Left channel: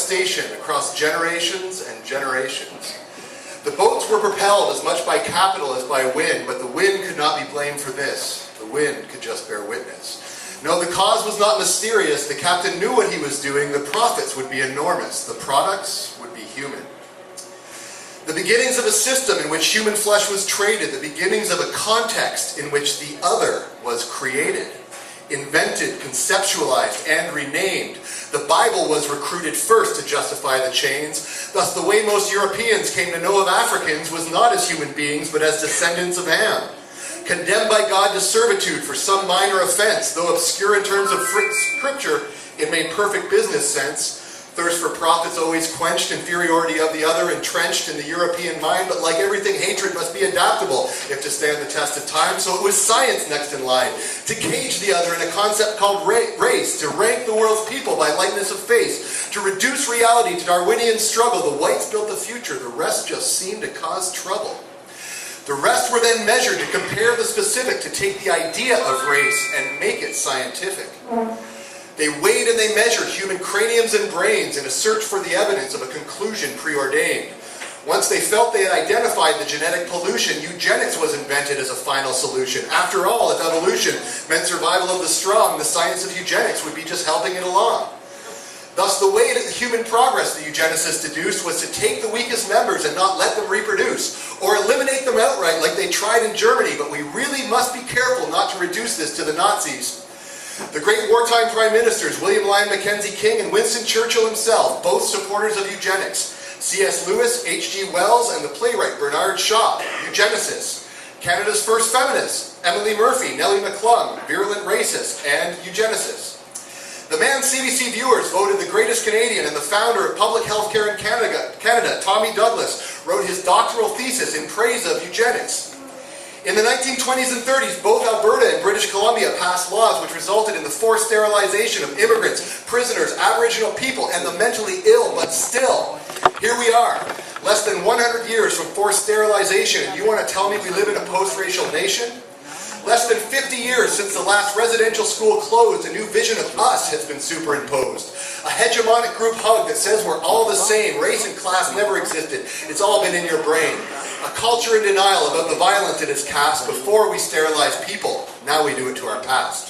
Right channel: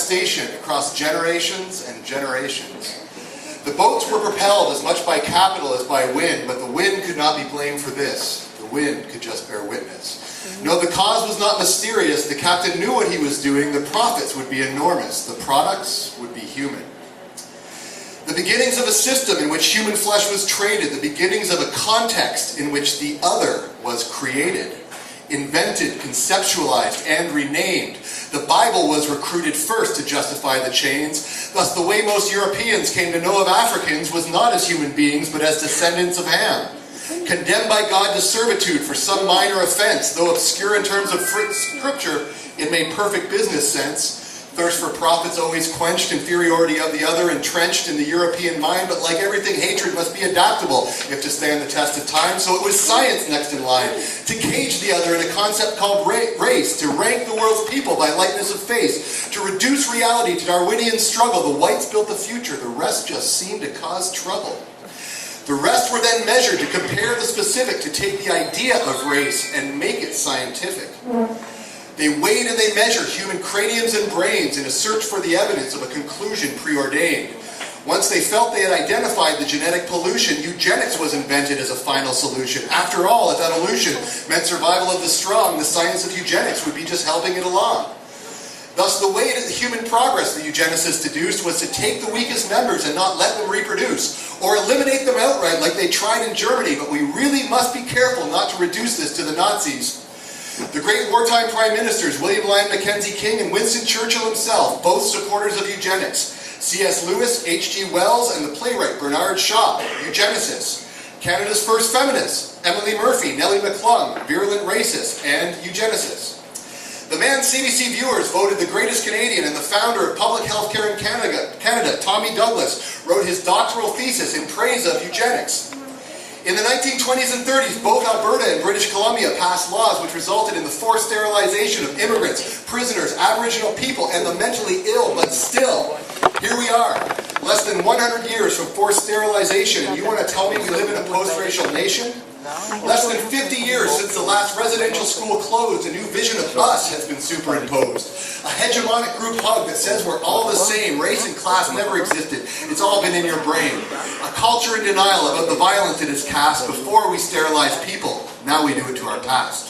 deforestation across generations and generations. The boats were propelled as much by capital as by wind, but the wind could not be blamed for this. The wind could just bear witness. No, the cause was not mysterious. The captain knew what he was doing. The profits would be enormous. The products would be human. The beginnings of a system in which human flesh was traded, the beginnings of a context in which the other was created, invented, conceptualized, and renamed. The Bible was recruited first to justify the chains. Thus, the way most Europeans came to know of Africans was not as human beings, but as descendants of Ham. Condemned by God to servitude for some minor offense, though obscure in terms of scripture, it made perfect business sense. Thirst for profits always quenched, inferiority of the other entrenched in the European mind, but like everything, hatred must be adaptable if to stand the test of time. So it was science next in line, to cage the other in a concept called race, to rank the world's people by lightness of face, to reduce reality to Darwinian struggle. The whites built the future, the rest just seemed to cause trouble. The rest were then measured to compare the specific, to take the idea of race and make it scientific. They weighed and they measured human craniums and brains in a search for the evidence of a conclusion preordained. Once they felt they had identified the genetic pollution, eugenics was invented as a final solution. After all, if evolution meant survival of the strong, the science of eugenics would be just helping it along. Thus, the way to human progress the eugenicists deduced was to take the weakest members and not let them reproduce, or eliminate them outright like they tried in Germany, but we really must be careful not to reduce this to the Nazis. The great wartime prime ministers, William Lyon Mackenzie King and Winston Churchill himself, both supporters of eugenics. C.S. Lewis, H.G. Wells, and the playwright Bernard Shaw, eugenicists. Canada's first feminists, Emily Murphy, Nellie McClung, virulent racists, and eugenicists. The man CBC viewers voted the greatest Canadian and the founder of public health care in Canada, Tommy Douglas, wrote his doctoral thesis in praise of eugenics. In the 1920s and 30s, both Alberta and British Columbia passed laws which resulted in the forced sterilization of immigrants, prisoners, Aboriginal people, and the mentally ill. But still, here we are, less than 100 years from forced sterilization, and you want to tell me we live in a post-racial nation? Less than 50 years since the last residential school closed, a new vision of us has been superimposed. A hegemonic group hug that says we're all the same, race and class never existed, it's all been in your brain. A culture in denial about the violence it has cast before we sterilize people, now we do it to our past.